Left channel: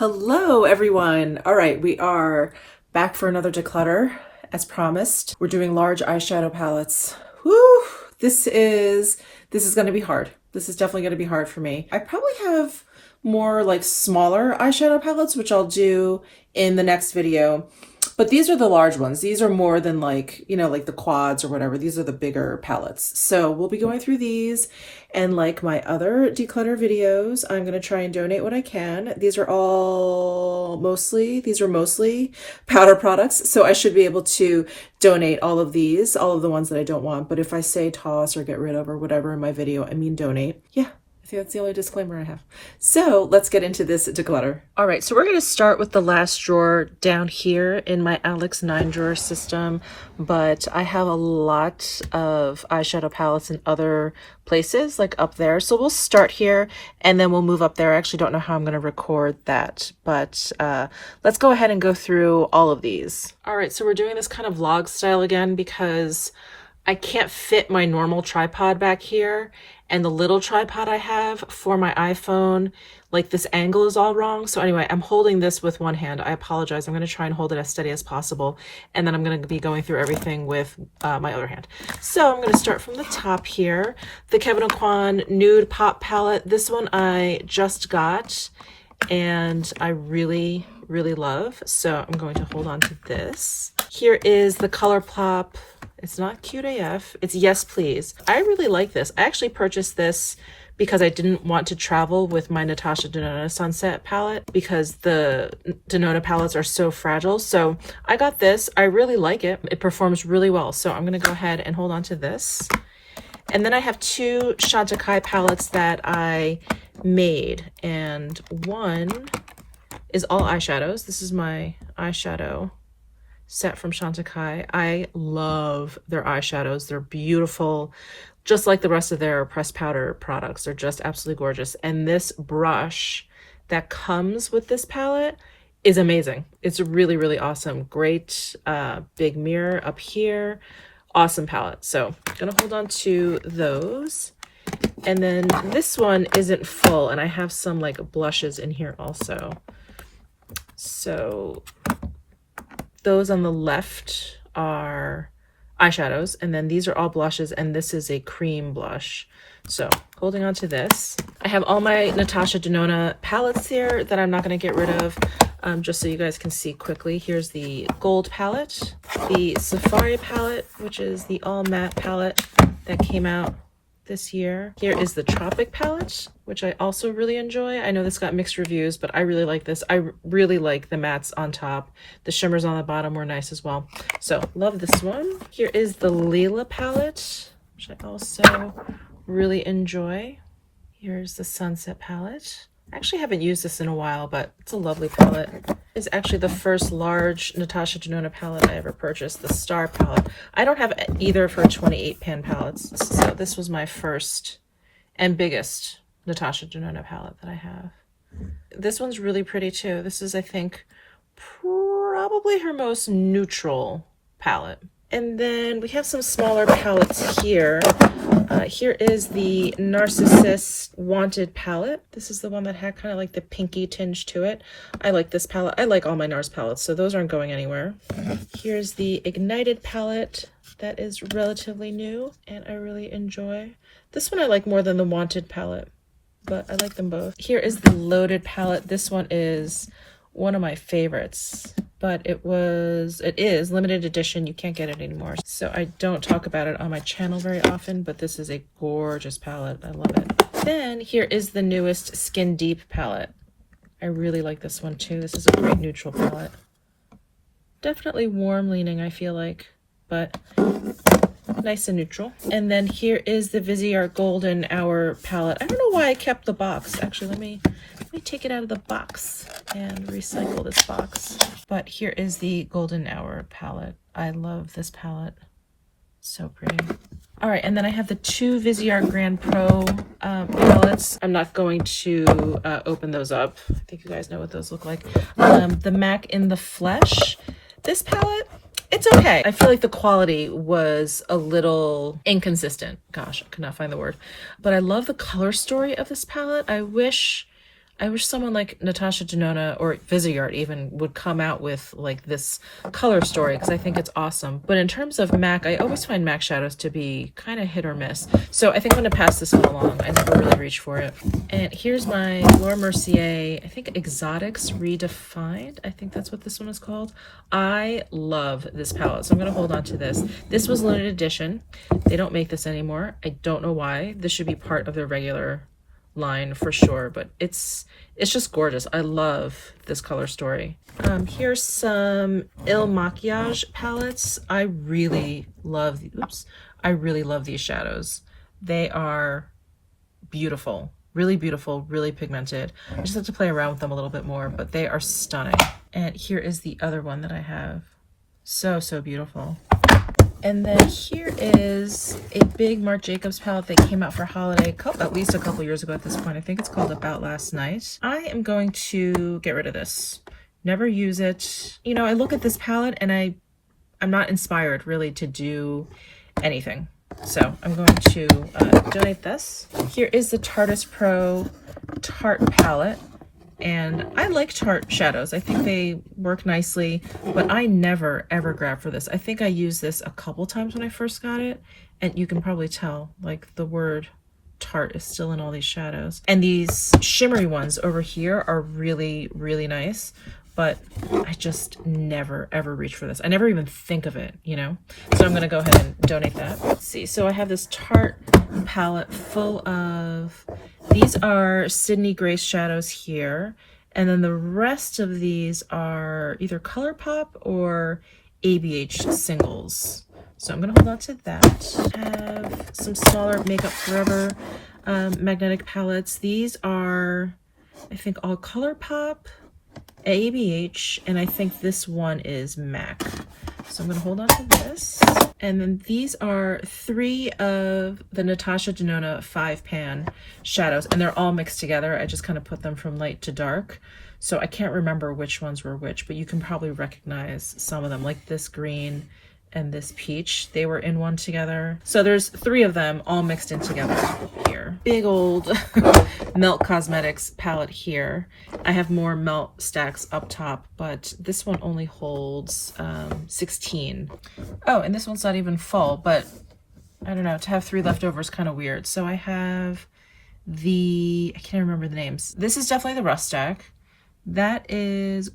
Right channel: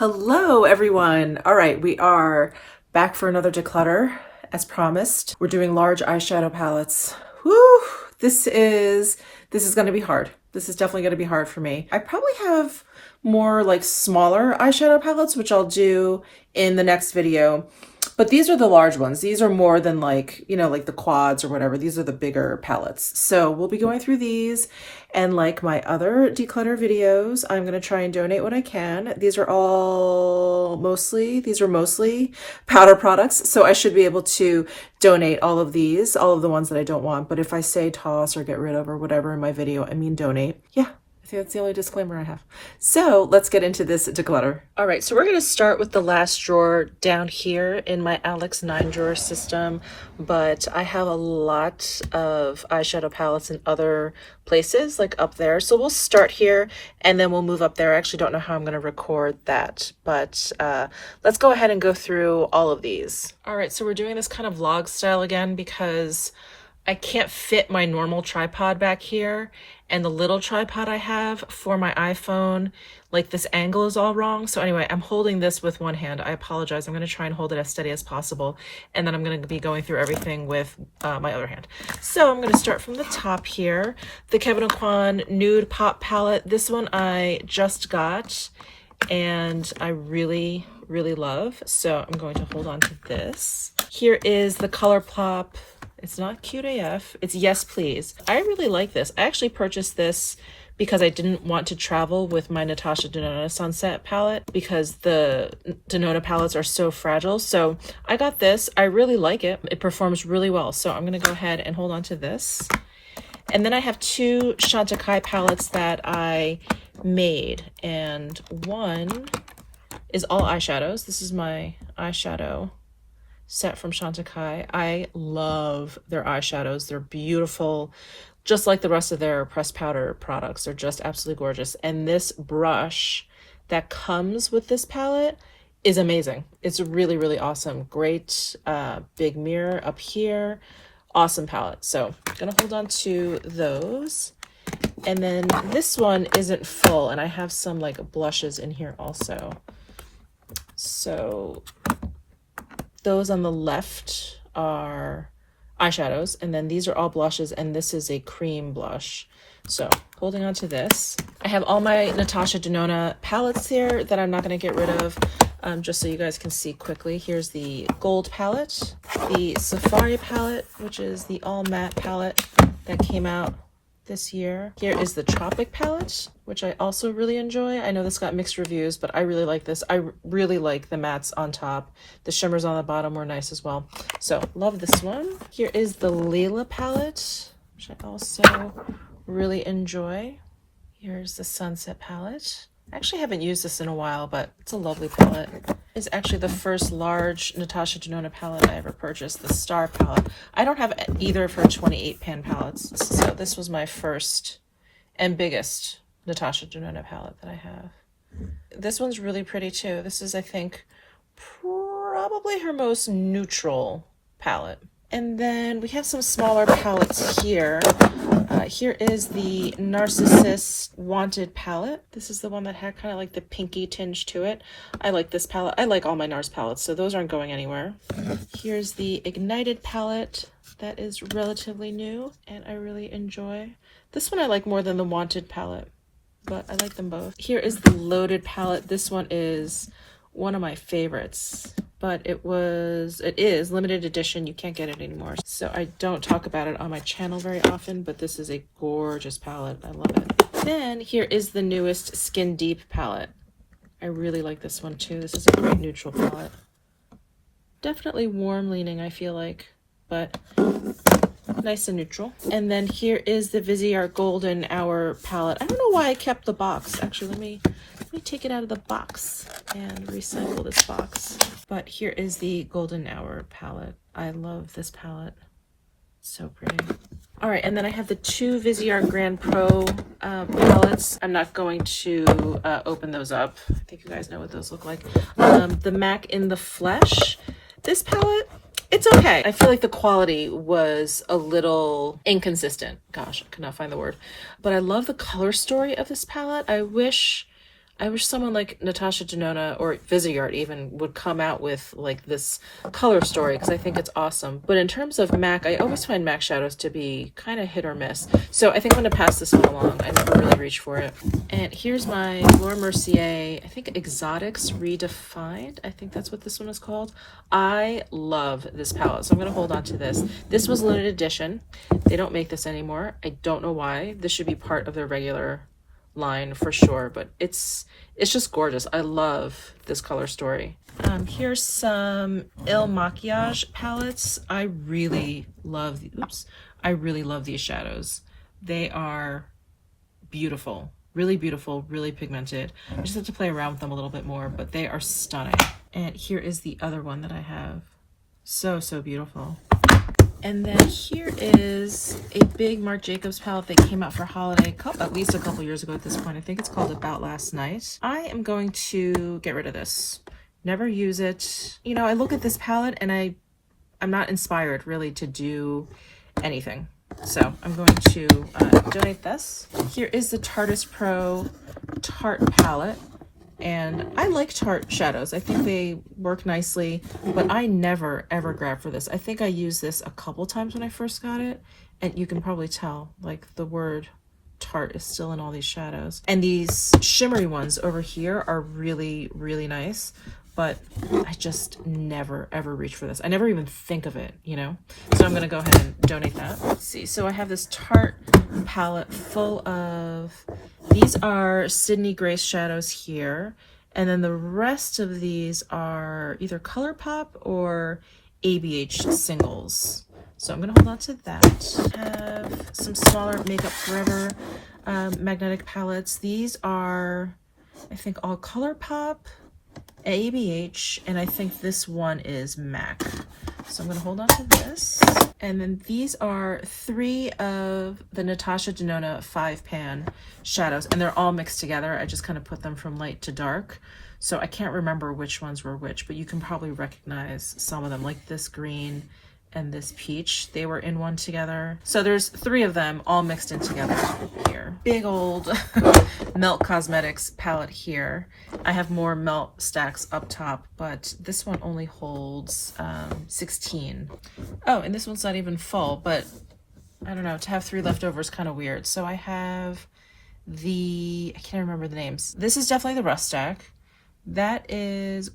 Hello everyone. All right, we are back for another declutter as promised. We're doing large eyeshadow palettes. Whew, this is going to be hard. This is definitely going to be hard for me. I probably have more like smaller eyeshadow palettes, which I'll do in the next video. But these are the large ones. These are more than like, you know, like the quads or whatever. These are the bigger palettes. So we'll be going through these. And like my other declutter videos, I'm going to try and donate what I can. These are mostly powder products. So I should be able to donate all of these, all of the ones that I don't want. But if I say toss or get rid of or whatever in my video, I mean donate. Yeah. I think that's the only disclaimer I have. So let's get into this declutter. All right, so we're going to start with the last drawer down here in my Alex 9-drawer system, but I have a lot of eyeshadow palettes in other places, like up there. So we'll start here and then we'll move up there. I actually don't know how I'm going to record that, but let's go ahead and go through all of these. All right, so we're doing this kind of vlog style again because I can't fit my normal tripod back here, and the little tripod I have for my iPhone, like this angle is all wrong. So anyway, I'm holding this with one hand. I apologize. I'm going to try and hold it as steady as possible. And then I'm going to be going through everything with my other hand. So I'm going to start from the top here. The Kevyn Aucoin Nude Pop Palette. This one I just got and I really, really love. So I'm going to hold on to this. Here is the ColourPop. It's not cute AF. It's Yes Please. I really like this. I actually purchased this because I didn't want to travel with my Natasha Denona Sunset palette because the Denona palettes are so fragile. So I got this. I really like it. It performs really well. So I'm going to go ahead and hold on to this. And then I have two Chantecaille palettes that I made. And one is all eyeshadows. This is my eyeshadow set from Chantecaille. I love their eyeshadows. They're beautiful, just like the rest of their pressed powder products. They're just absolutely gorgeous. And this brush that comes with this palette is amazing. It's really, really awesome. Great big mirror up here. Awesome palette. So I'm gonna hold on to those. And then this one isn't full, and I have some like blushes in here also. So those on the left are eyeshadows, and then these are all blushes, and this is a cream blush. So holding on to this. I have all my Natasha Denona palettes here that I'm not going to get rid of, just so you guys can see quickly. Here's the gold palette, the Safari palette, which is the all matte palette that came out this year. Here is the Tropic palette, which I also really enjoy. I know this got mixed reviews, but I really like this. I really like the mattes on top. The shimmers on the bottom were nice as well. So love this one. Here is the Leela palette, which I also really enjoy. Here's the Sunset palette. I actually haven't used this in a while, but it's a lovely palette. It's actually the first large Natasha Denona palette I ever purchased, the Star palette. I don't have either of her 28 pan palettes, so this was my first and biggest Natasha Denona palette that I have. This one's really pretty too. This is, I think, probably her most neutral palette. And then we have some smaller palettes here. Here is the Narcissus Wanted palette. This is the one that had kind of like the pinky tinge to it. I like this palette. I like all my NARS palettes, so those aren't going anywhere. Here's the Ignited palette that is relatively new and I really enjoy. This one I like more than the Wanted palette, but I like them both. Here is the Loaded palette. This one is one of my favorites, but it is limited edition. You can't get it anymore. So I don't talk about it on my channel very often, but this is a gorgeous palette. I love it. Then here is the newest Skin Deep palette. I really like this one too. This is a great neutral palette. Definitely warm leaning, I feel like, but nice and neutral. And then here is the Viseart Golden Hour palette. I don't know why I kept the box. Actually, let me take it out of the box and recycle this box. But here is the Golden Hour palette. I love this palette. So pretty. All right, and then I have the two Viseart Grand Pro palettes. I'm not going to open those up. I think you guys know what those look like. The MAC in the Flesh. This palette, it's okay. I feel like the quality was a little inconsistent. Gosh, I could not find the word. But I love the color story of this palette. I wish I wish someone like Natasha Denona or Viseart even would come out with like this color story, because I think it's awesome. But in terms of MAC, I always find MAC shadows to be kind of hit or miss. So I think I'm going to pass this one along. I never really reach for it. And here's my Laura Mercier, I think Exotics Redefined. I think that's what this one is called. I love this palette, so I'm going to hold on to this. This was limited edition. They don't make this anymore. I don't know why. This should be part of their regular line for sure, but it's just gorgeous. I love this color story. Here's some Il Maquillage palettes. I really love these shadows. They are beautiful, really pigmented. I just have to play around with them a little bit more, but they are stunning. And here is the other one that I have. So beautiful. And then here is a big Marc Jacobs palette that came out for holiday at least a couple years ago at this point. I think it's called About Last Night. I am going to get rid of this. Never use it. You know, I look at this palette and I'm not inspired really to do anything. So I'm going to donate this. Here is the Tarteist Pro Tarte palette. And I like Tarte shadows. I think they work nicely, but I never ever grab for this. I think I used this a couple times when I first got it, and you can probably tell like the word Tarte is still in all these shadows. And these shimmery ones over here are really nice, but I just never ever reach for this. I never even think of it, you know? So I'm gonna go ahead and donate that. Let's see, so I have this Tarte palette full of, these are Sydney Grace shadows here, and then the rest of these are either ColourPop or ABH singles. So I'm gonna hold on to that. I have some smaller Makeup Forever magnetic palettes. These are, I think, all ColourPop, ABH, and I think this one is MAC. So I'm going to hold on to this. And then these are 3 of the Natasha Denona 5-pan shadows, and they're all mixed together. I just kind of put them from light to dark. So I can't remember which ones were which, but you can probably recognize some of them, like this green and this peach. They were in one together. So there's 3 of them all mixed in together here. Big old Melt Cosmetics palette here. I have more Melt stacks up top, but this one only holds 16. Oh, and this one's not even full, but I don't know, to have 3 left over is kind of weird. So I have I can't remember the names. This is definitely the Rust stack. That is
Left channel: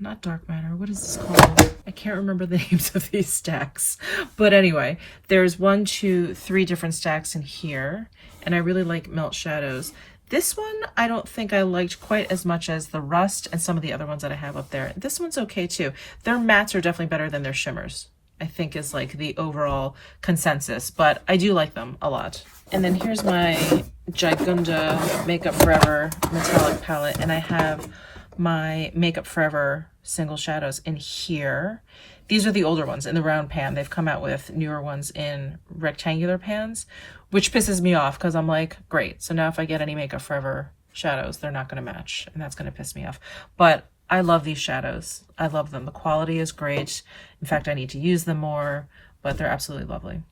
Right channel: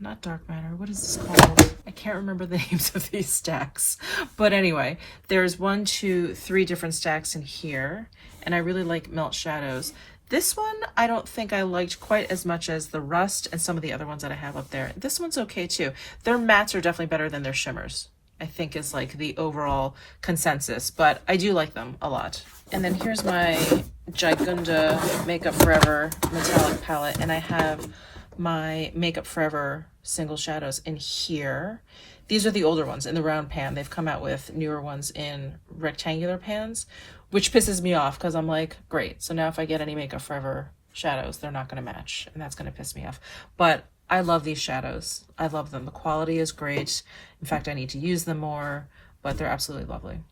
not Dark Matter. What is this called? I can't remember the names of these stacks. But anyway, there's 1, 2, 3 different stacks in here. And I really like Melt shadows. This one, I don't think I liked quite as much as the Rust and some of the other ones that I have up there. This one's okay too. Their mattes are definitely better than their shimmers, I think, is like the overall consensus. But I do like them a lot. And then here's my Gigunda Makeup Forever metallic palette. And I have my Makeup Forever single shadows in here. These are the older ones in the round pan. They've come out with newer ones in rectangular pans, which pisses me off because I'm like, great. So now if I get any Makeup Forever shadows, they're not going to match, and that's going to piss me off. But I love these shadows. I love them. The quality is great. In fact, I need to use them more, but they're absolutely lovely.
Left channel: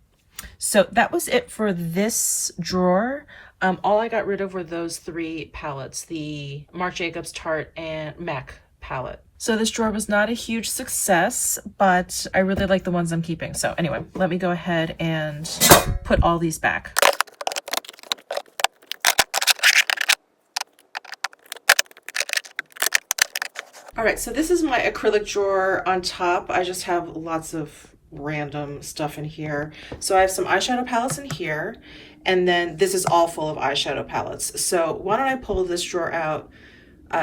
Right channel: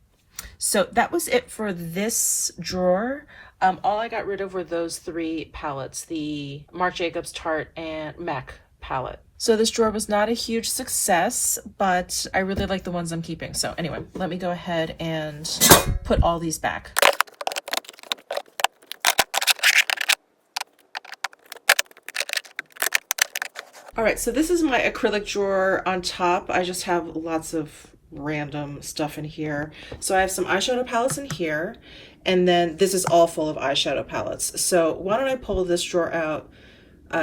So that was it for this drawer. All I got rid of were those 3 palettes, the Marc Jacobs Tarte and MAC palette. So this drawer was not a huge success, but I really like the ones I'm keeping. So anyway, let me go ahead and put all these back. All right, so this is my acrylic drawer on top. I just have lots of random stuff in here. So I have some eyeshadow palettes in here, and then this is all full of eyeshadow palettes. So why don't I pull this drawer out,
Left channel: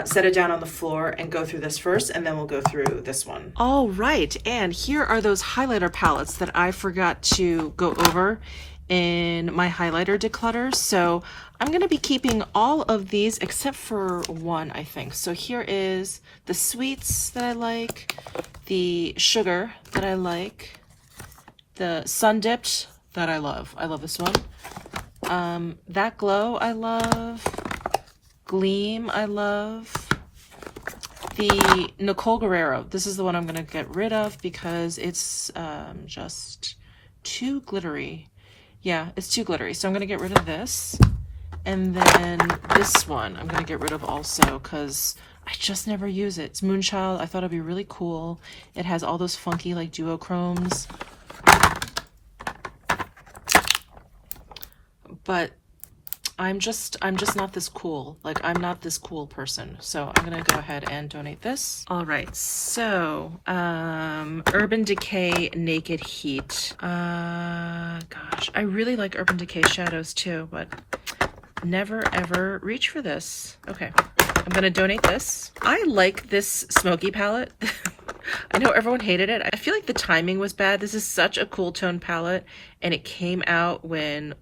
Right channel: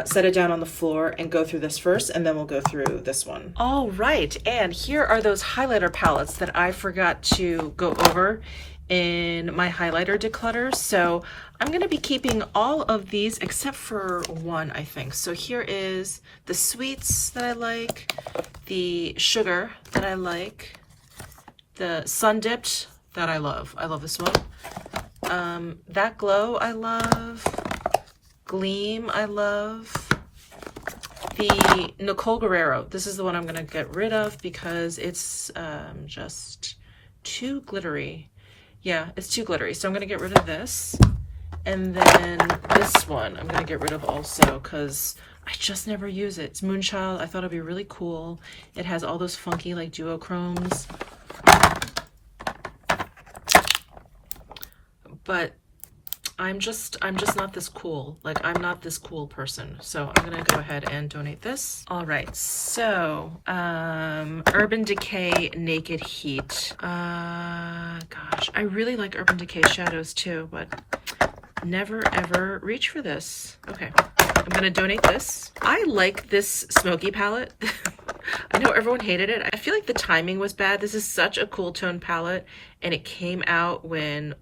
set it down on the floor, and go through this first, and then we'll go through this one. All right, and here are those highlighter palettes that I forgot to go over in my highlighter declutter. So I'm going to be keeping all of these except for one, I think. So here is the sweets that I like, the sugar that I like, the sun dipped that I love. I love this one. That glow I love. Gleam I love. The Nicole Guerrero. This is the one I'm going to get rid of because it's just too glittery. Yeah, it's too glittery. So I'm going to get rid of this. And then this one I'm gonna get rid of also because I just never use it. It's Moonchild. I thought it'd be really cool. It has all those funky like duochromes. But I'm just not this cool. Like, I'm not this cool person. So I'm gonna go ahead and donate this. All right, so Urban Decay Naked Heat. Gosh, I really like Urban Decay shadows too, but never ever reach for this. Okay, I'm gonna donate this. I like this smoky palette. I know everyone hated it. I feel like the timing was bad. This is such a cool tone palette, and it came out when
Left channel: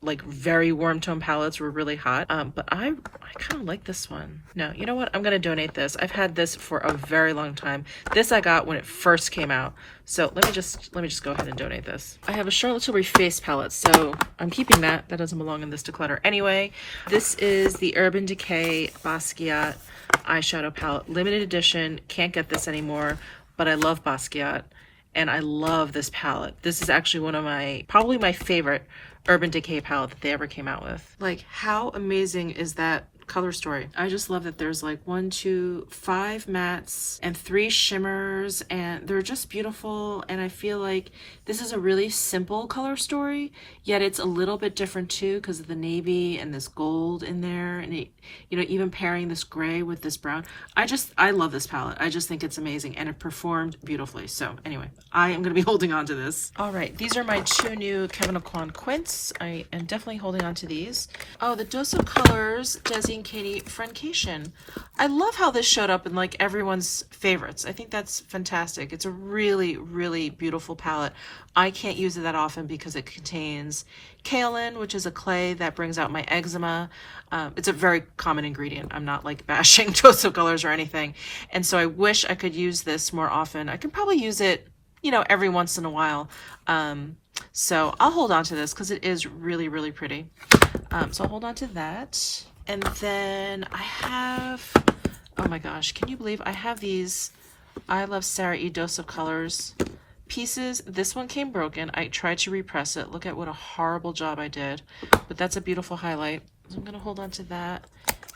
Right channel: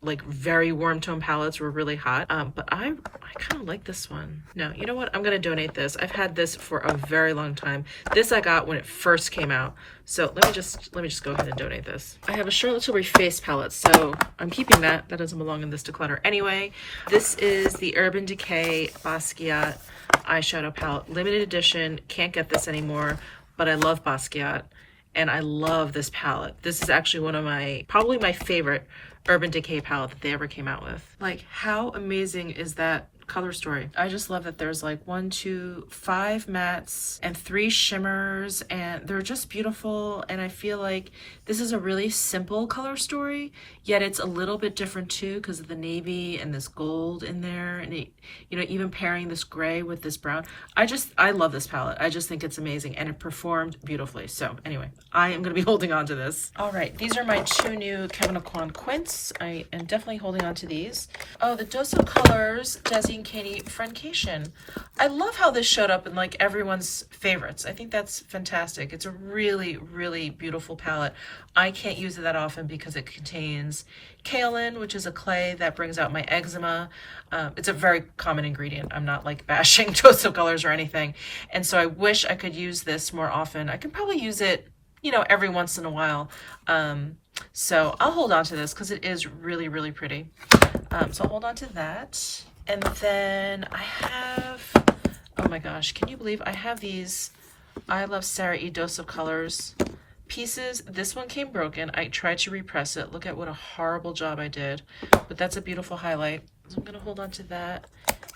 like very warm tone palettes were really hot. But I kind of like this one. No, you know what? I'm gonna donate this. I've had this for a very long time. This I got when it first came out. So let me just go ahead and donate this. I have a Charlotte Tilbury face palette, so I'm keeping that. That doesn't belong in this declutter anyway. This is the Urban Decay Basquiat eyeshadow palette, limited edition. Can't get this anymore, but I love Basquiat and I love this palette. This is actually one of my, probably my favorite Urban Decay palette that they ever came out with. Like, how amazing is that color story? I just love that there's like 1, 2, 5 mattes and 3 shimmers, and they're just beautiful. And I feel like this is a really simple color story, yet it's a little bit different too because of the navy and this gold in there, and it, you know, even pairing this gray with this brown. I love this palette. I just think it's amazing, and it performed beautifully. So anyway, I am going to be holding on to this. All right, these are my 2 new Kevyn Aucoin Quints. I am definitely holding on to these. Oh, the Dose of Colors Desi and Katie Friendcation. I love how this showed up in like everyone's favorites. I think that's fantastic. It's a really, really beautiful palette. I can't use it that often because it contains kaolin, which is a clay that brings out my eczema. It's a very common ingredient. I'm not like bashing Dose of Colors or anything. And so I wish I could use this more often. I can probably use it, you know, every once in a while. So I'll hold on to this because it is really, really pretty. So I'll hold on to that. And then I have, oh my gosh, can you believe I have these I Love Sarah E. Dose of Colors pieces. This one came broken. I tried to repress it. Look at what a horrible job I did. But that's a beautiful highlight. So I'm going to hold on to that.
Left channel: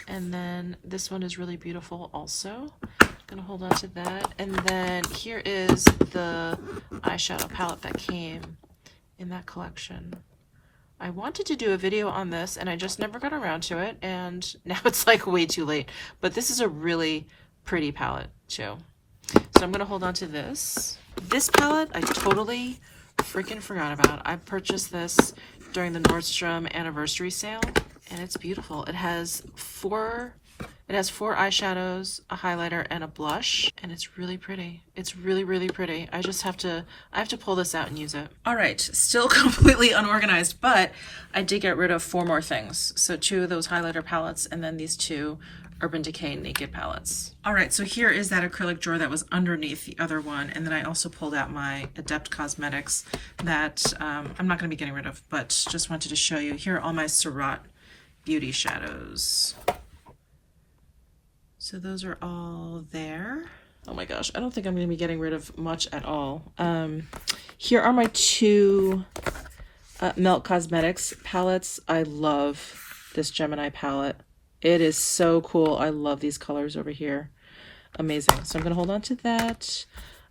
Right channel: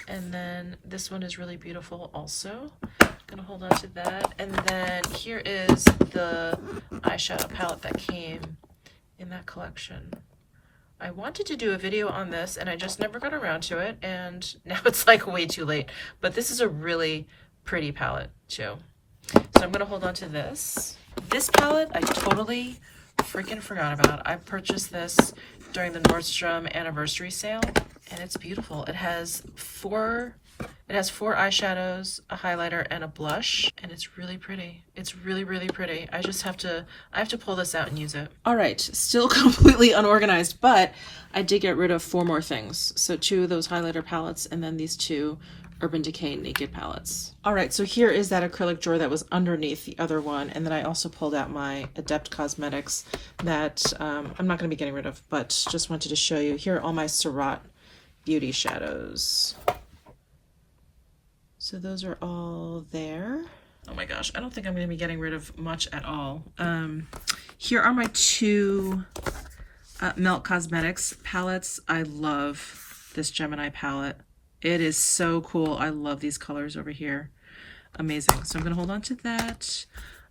And then this one is really beautiful also. I'm going to hold on to that. And then here is the eyeshadow palette that came in that collection. I wanted to do a video on this and I just never got around to it, and now it's like way too late. But this is a really pretty palette too. So I'm gonna hold on to this. This palette I totally freaking forgot about. I purchased this during the Nordstrom anniversary sale, and it's beautiful. It has 4 eyeshadows, a highlighter, and a blush, and it's really pretty. It's really, really pretty. I have to pull this out and use it. All right, still completely unorganized, but I did get rid of 4 more things. So 2 of those highlighter palettes, and then these 2 Urban Decay Naked palettes. All right, so here is that acrylic drawer that was underneath the other one, and then I also pulled out my Adept Cosmetics that I'm not gonna be getting rid of, but just wanted to show you. Here are all my Surratt beauty shadows. So those are all there. Oh my gosh, I don't think I'm going to be getting rid of much at all. Here are my 2 Melt Cosmetics palettes. I love this Gemini palette. It is so cool. I love these colors over here. Amazing. So I'm going to hold on to that.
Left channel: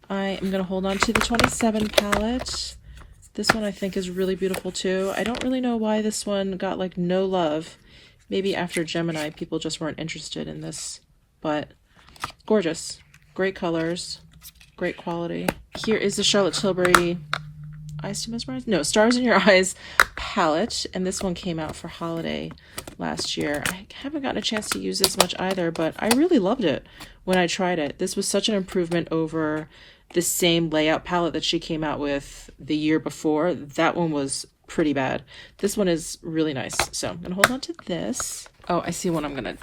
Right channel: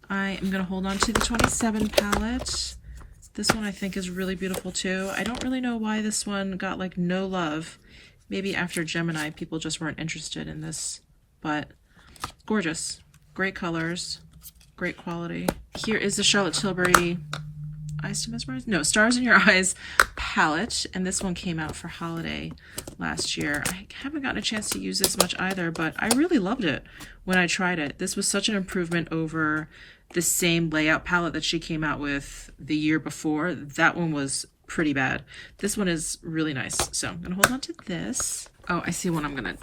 I am going to hold on to the 27 palette. This one I think is really beautiful too. I don't really know why this one got like no love. Maybe after Gemini, people just weren't interested in this. But gorgeous, great colors, great quality. Here is the Charlotte Tilbury Eyes to Mesmerize? No, Stars in Your Eyes palette, and this one came out for holiday last year. I haven't gotten a chance to use this much either, but I really loved it when I tried it. This was such an improvement over the same layout palette that she came out with the year before. That one was pretty bad. This one is really nice, so I'm gonna hold on to this. Oh, I see one I'm gonna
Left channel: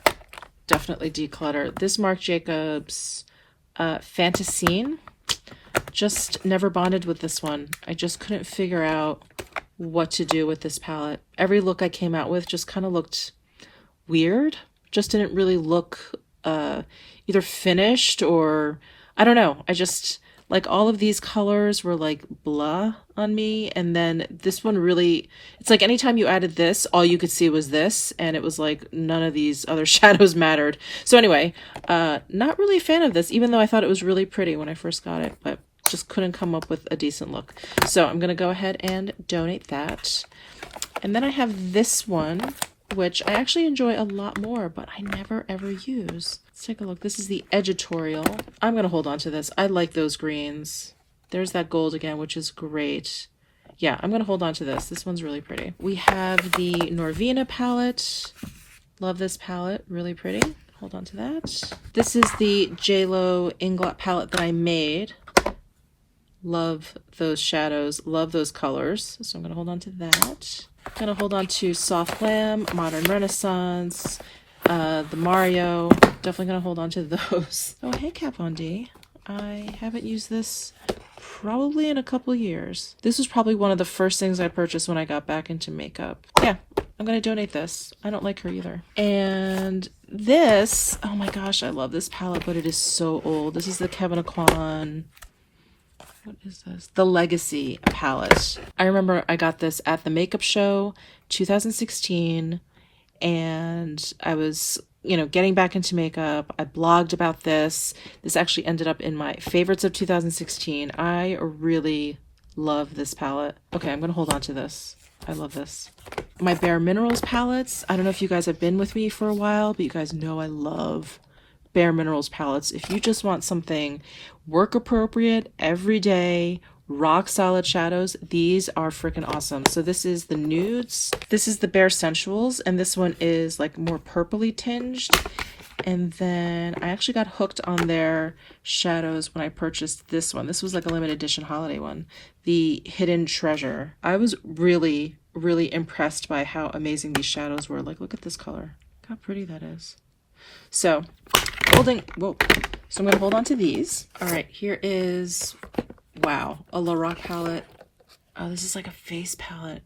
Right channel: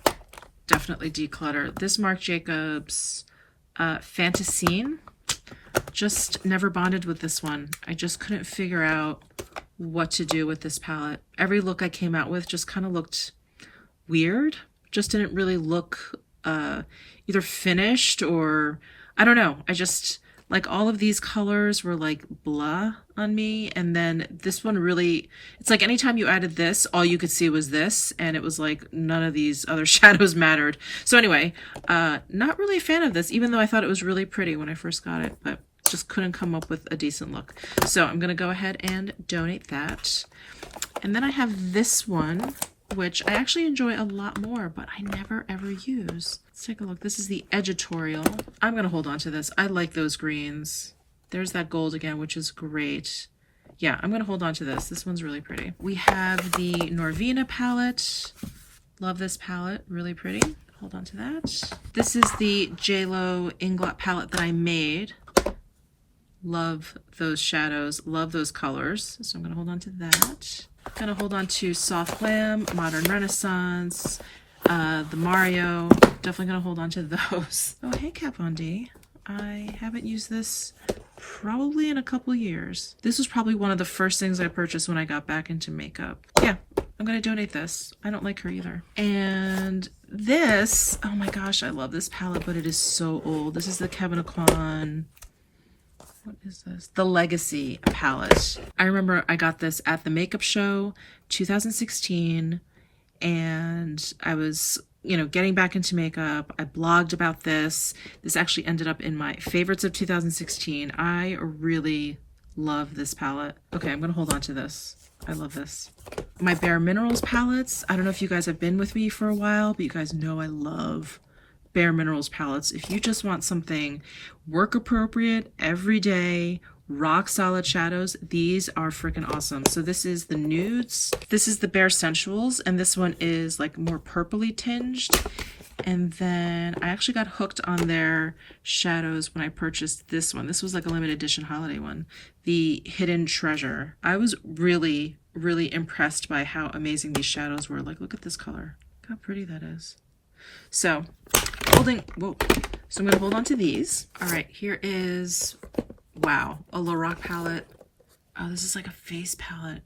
definitely declutter. This Marc Jacobs Fantasine. Just never bonded with this one. I just couldn't figure out what to do with this palette. Every look I came out with just kind of looked weird. Just didn't really look either finished or, I don't know. I just, Like all of these colors were like blah on me, and then this one really, it's like anytime you added this, all you could see was this, and it was like none of these other shadows mattered. So anyway, not really a fan of this, even though I thought it was really pretty when I first got it, but just couldn't come up with a decent look. So I'm gonna go ahead and donate that. And then I have this one, which I actually enjoy a lot more, but I never ever use. Let's take a look. This is the editorial. I'm gonna hold on to this. I like those greens. There's that gold again, which is great. Yeah, I'm gonna hold on to this. This one's really pretty. We have the Norvina palette. Love this palette, really pretty. Hold on to that. This is the JLo Inglot palette that I made. Love those shadows, love those colors. So I'm gonna hold on to that. I'm gonna hold on to Soft Glam, Modern Renaissance, the Mario. Definitely gonna hold on to those. Oh, hey Kat Von D. I haven't used this probably in a couple years. This was probably one of the first things I purchased when I got back into makeup. Yeah, I'm gonna donate this. I don't like her either. And this, oh my gosh, I love this palette, but it is so old. This is the Kevyn Aucoin. What is this? The Legacy palette. I remember I got this at the makeup show 2016, and I was, you know, getting back into makeup. I blogged about this. This actually ended up in my favorites of 2016. I really love this palette. Okay, I'm gonna hold on to this. I love this. My Bare Minerals palettes. I don't know if you guys have been with me for a while, but you guys know I love Bare Minerals palettes. If you just want something work appropriate, everyday, rock solid shadows, these are freaking awesome. So this is the nudes. This is the Bare Sensuals, and this one is like more purpley tinged. And then I actually got hooked on their shadows when I purchased this one. This was like a limited edition holiday one, the Hidden Treasure. I was really, really impressed by how amazing these shadows were. Like, look at this color. Look how pretty that is. So whoa. So I'm gonna hold on to these. All right, here is, wow, a Lorac palette. Oh, this is like a face palette.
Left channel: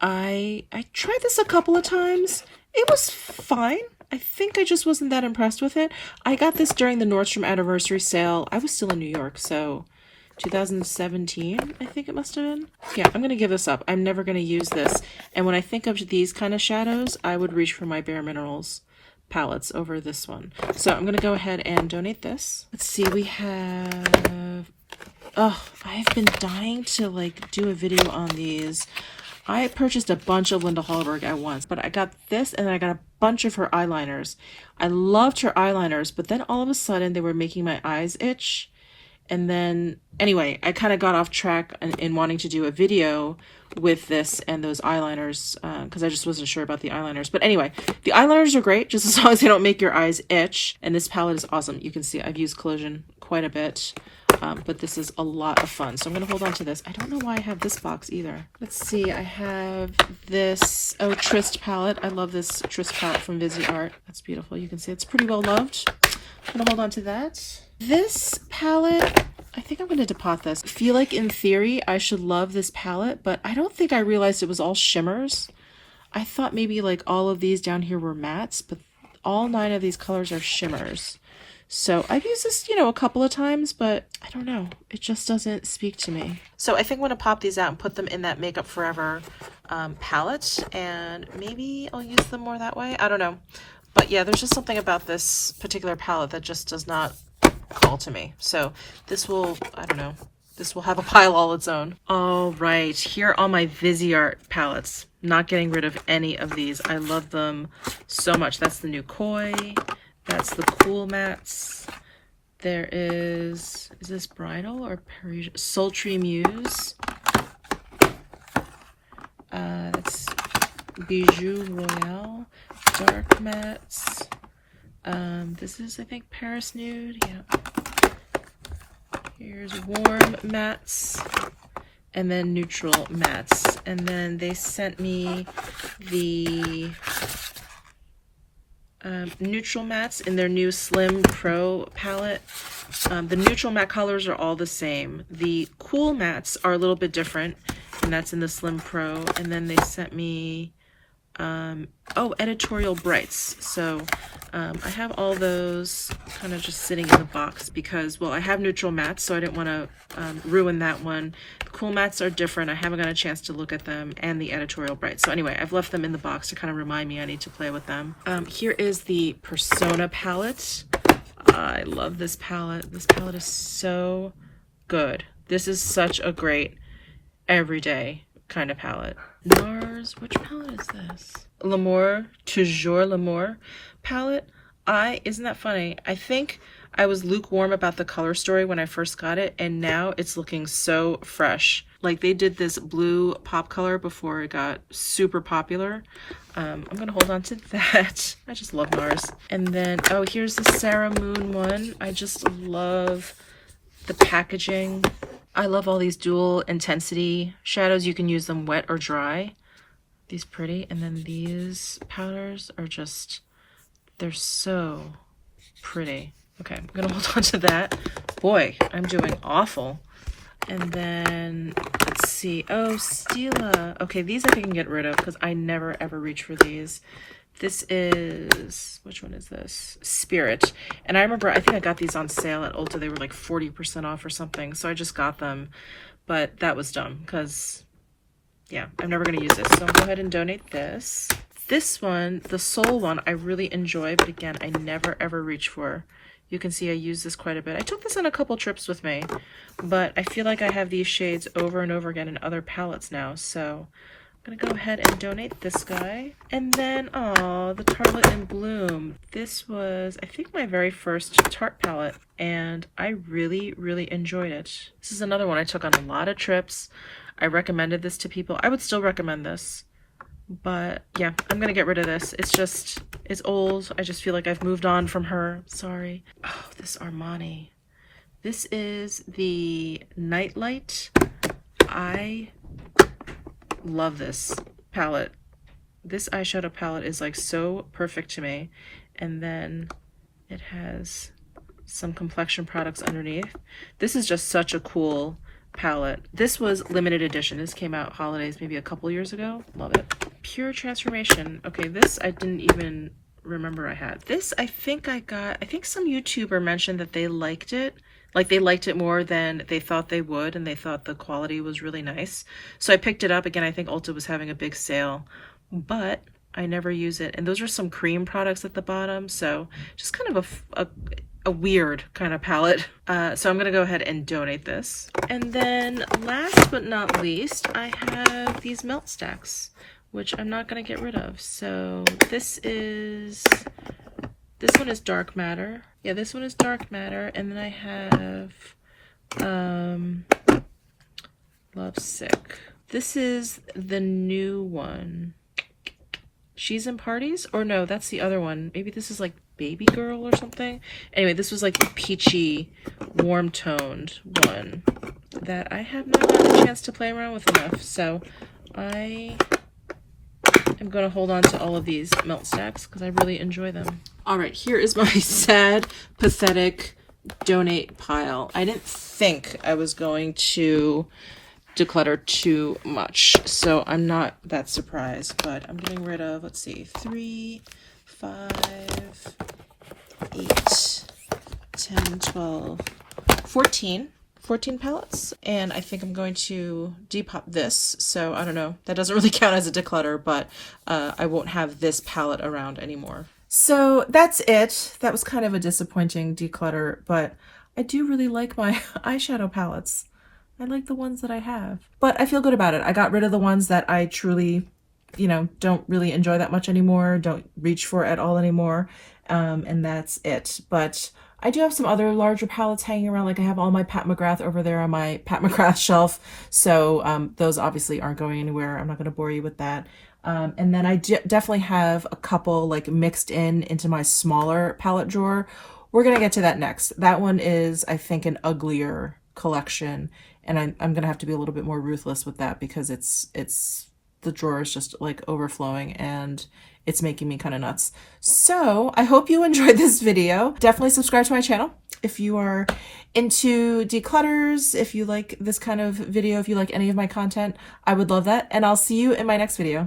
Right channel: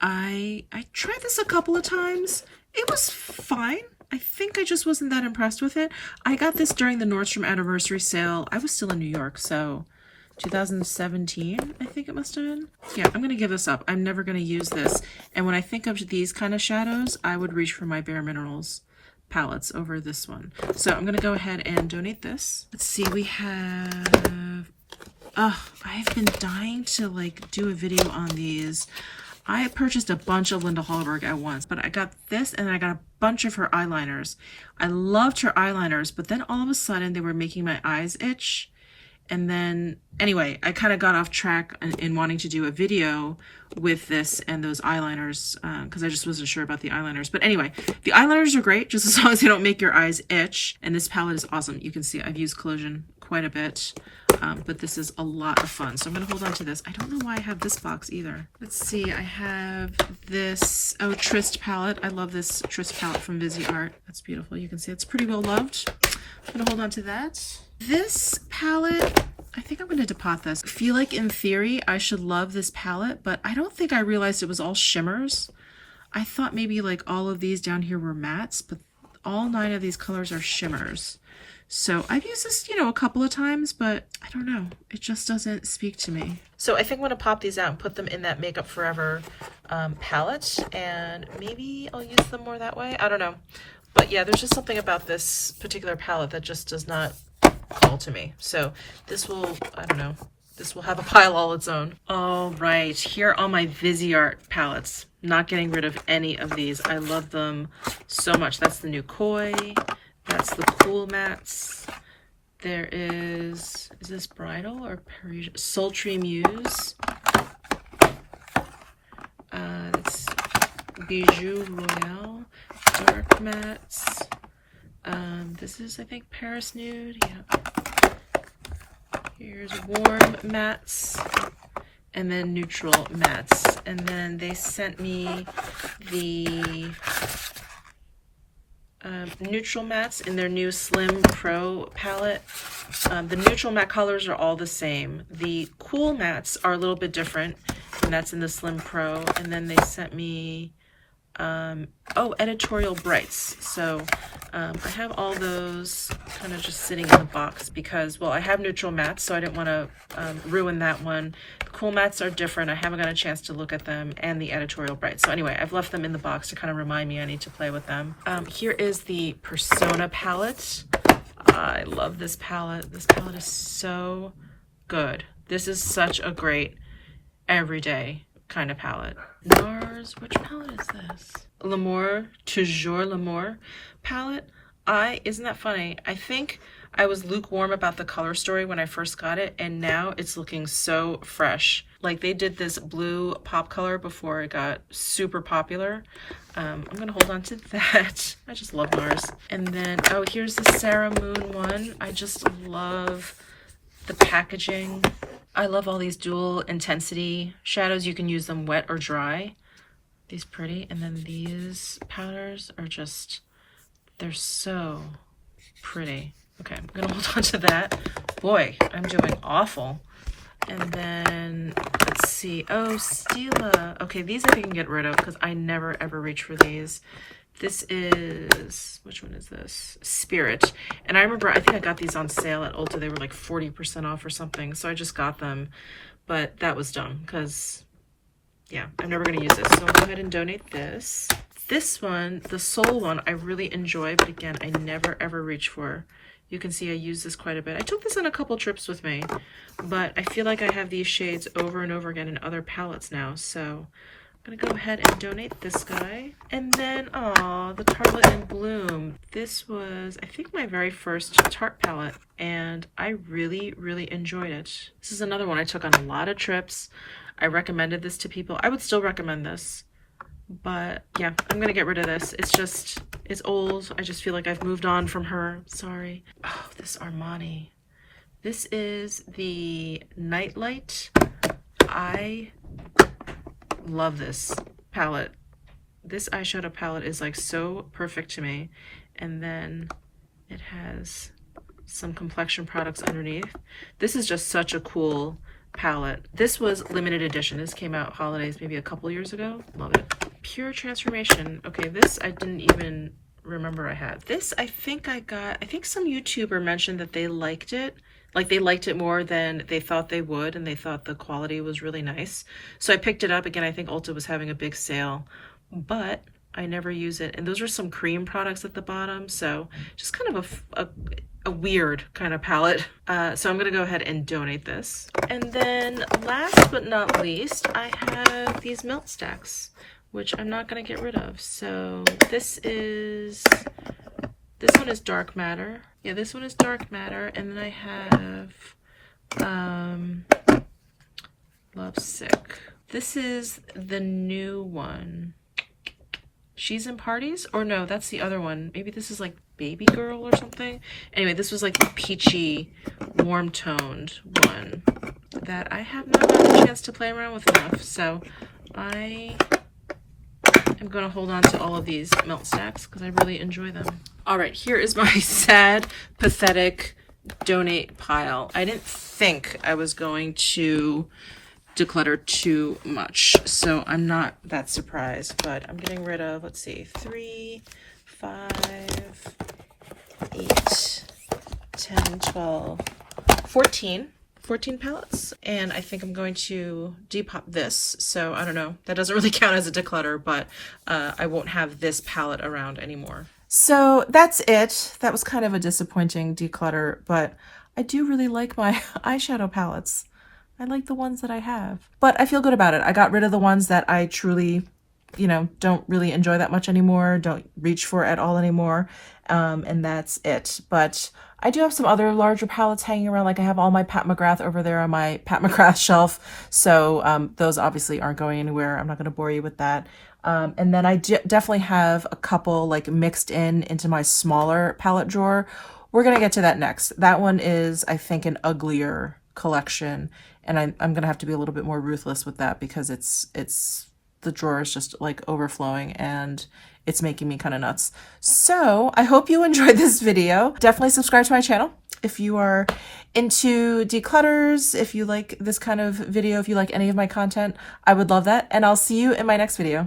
I tried this a couple of times. It was fine. I think I just wasn't that impressed with it. I got this during the Nordstrom anniversary sale. I was still in New York, so 2017, I think it must have been. Yeah, I'm gonna give this up. I'm never gonna use this. And when I think of these kind of shadows, I would reach for my Bare Minerals palettes over this one. So I'm gonna go ahead and donate this. Let's see, we have, I've been dying to like do a video on these. I purchased a bunch of Linda Hallberg at once, but I got this and then I got a bunch of her eyeliners. I loved her eyeliners, but then all of a sudden they were making my eyes itch. And then, anyway, I kind of got off track in wanting to do a video with this and those eyeliners because I just wasn't sure about the eyeliners. But anyway, the eyeliners are great just as long as they don't make your eyes itch. And this palette is awesome. You can see I've used Collision quite a bit, but this is a lot of fun. So I'm going to hold on to this. I don't know why I have this box either. Let's see. I have this, Trist palette. I love this Trist palette from Viseart. That's beautiful. You can see it's pretty well loved. I'm going to hold on to that. This palette, I think I'm going to depot this. I feel like in theory I should love this palette, but I don't think I realized it was all shimmers. I thought maybe like all of these down here were mattes, but all 9 of these colors are shimmers. So I've used this, you know, a couple of times, but I don't know. It just doesn't speak to me. So I think I'm going to pop these out and put them in that Makeup Forever palette, and maybe I'll use them more that way. I don't know. But yeah, there's just something about this particular palette that just does not fall to me. So this will, I don't know, this will have a pile all its own. All right, here are my Viseart palettes. Not getting rid of any of these. I love them so much. That's the new Koi. That's the Cool Mattes. There is this Bridal or Parisian? Sultry Muse. That's Bijou Royale. Dark Mattes. This is, I think, Paris Nude. Yeah. Here's Warm Mattes. And then Neutral Mattes. And then they sent me the neutral mattes in their new Slim Pro palette. The neutral matte colors are all the same. The cool mattes are a little bit different, and that's in the Slim Pro. And then they sent me oh, editorial brights. So I have all those kind of just sitting in the box because, well, I have neutral mattes, so I didn't want to ruin that one. The cool mattes are different. I haven't got a chance to look at them, and the editorial brights. So anyway, I've left them in the box to kind of remind me I need to play with them. Here is the Persona palette. I love this palette. This palette is so good. This is such a great everyday kind of palette. NARS, which palette is this? L'Amour, Toujours L'Amour palette. Isn't that funny? I think I was lukewarm about the color story when I first got it, and now it's looking so fresh. Like, they did this blue pop color before it got super popular. I'm gonna hold on to that. I just love NARS. And then, oh, here's the Sarah Moon one. I just love the packaging. I love all these dual intensity shadows. You can use them wet or dry. These pretty. And then these powders are just, they're so pretty. Okay, I'm gonna hold on to that. Boy, I'm doing awful. And then, let's see. Oh, Stila. Okay, these I can get rid of because I never ever reach for these. This is, which one is this? Spirit. And I remember, I think I got these on sale at Ulta. They were like 40% off or something. So I just got them. But that was dumb because, yeah, I'm never going to use this. So I'll go ahead and donate this. This one, the Soul one, I really enjoy. But again, I never ever reach for. You can see I use this quite a bit. I took this on a couple trips with me. But I feel like I have these shades over and over again in other palettes now. So I'm gonna go ahead and donate this guy. And then, oh, the Tartelette in Bloom. This was, I think, my very first Tarte palette, and I really, really enjoyed it. This is another one I took on a lot of trips. I recommended this to people. I would still recommend this, but yeah, I'm gonna get rid of this. It's just, it's old. I just feel like I've moved on from her. Sorry. Oh, this Armani. This is the Nightlight. I love this palette. This eyeshadow palette is like so perfect to me. And then it has some complexion products underneath. This is just such a cool palette. This was limited edition. This came out holidays maybe a couple years ago. Love it. Pure Transformation. Okay, this I didn't even remember I had. This I think I got, I think some YouTuber mentioned that they liked it. Like, they liked it more than they thought they would, and they thought the quality was really nice. So I picked it up. Again, I think Ulta was having a big sale, but I never use it. And those are some cream products at the bottom, so just kind of a weird kind of palette. So I'm going to go ahead and donate this. And then last but not least, I have these melt stacks, which I'm not going to get rid of. So this one is Dark Matter. Yeah, this one is Dark Matter. And then I have Love Sick. This is the new one. She's in Parties? Or no, that's the other one. Maybe this is like Baby Girl or something. Anyway, this was like the peachy, warm-toned one that I have not had a chance to play around with enough. So I am going to hold on to all of these melt stacks because I really enjoy them. All right, here is my sad, pathetic donate pile. I didn't think I was going to declutter too much, so I'm not that surprised, but I'm getting rid of, let's see, 3, 5, 8, 10, 12, 14 palettes, and I think I'm going to depop this, so I don't know, that doesn't really count as a declutter, but I won't have this palette around anymore. So that's it. That was kind of a disappointing declutter, but I do really like my eyeshadow palettes. I like the ones that I have, but I feel good about it. I got rid of the ones that I truly, you know, don't really enjoy that much anymore, don't reach for at all anymore, and that's it. But I do have some other larger palettes hanging around, like I have all my Pat McGrath over there on my Pat McGrath shelf, so those obviously aren't going anywhere. I'm not going to bore you with that. And then I definitely have a couple like mixed into my smaller palette drawer. We're going to get to that next. That one is, I think, an uglier collection. And I'm going to have to be a little bit more ruthless with that because the drawer is just like overflowing and it's making me kind of nuts. So I hope you enjoyed this video. Definitely subscribe to my channel if you are into declutters, if you like this kind of video, if you like any of my content, I would love that. And I'll see you in my next video.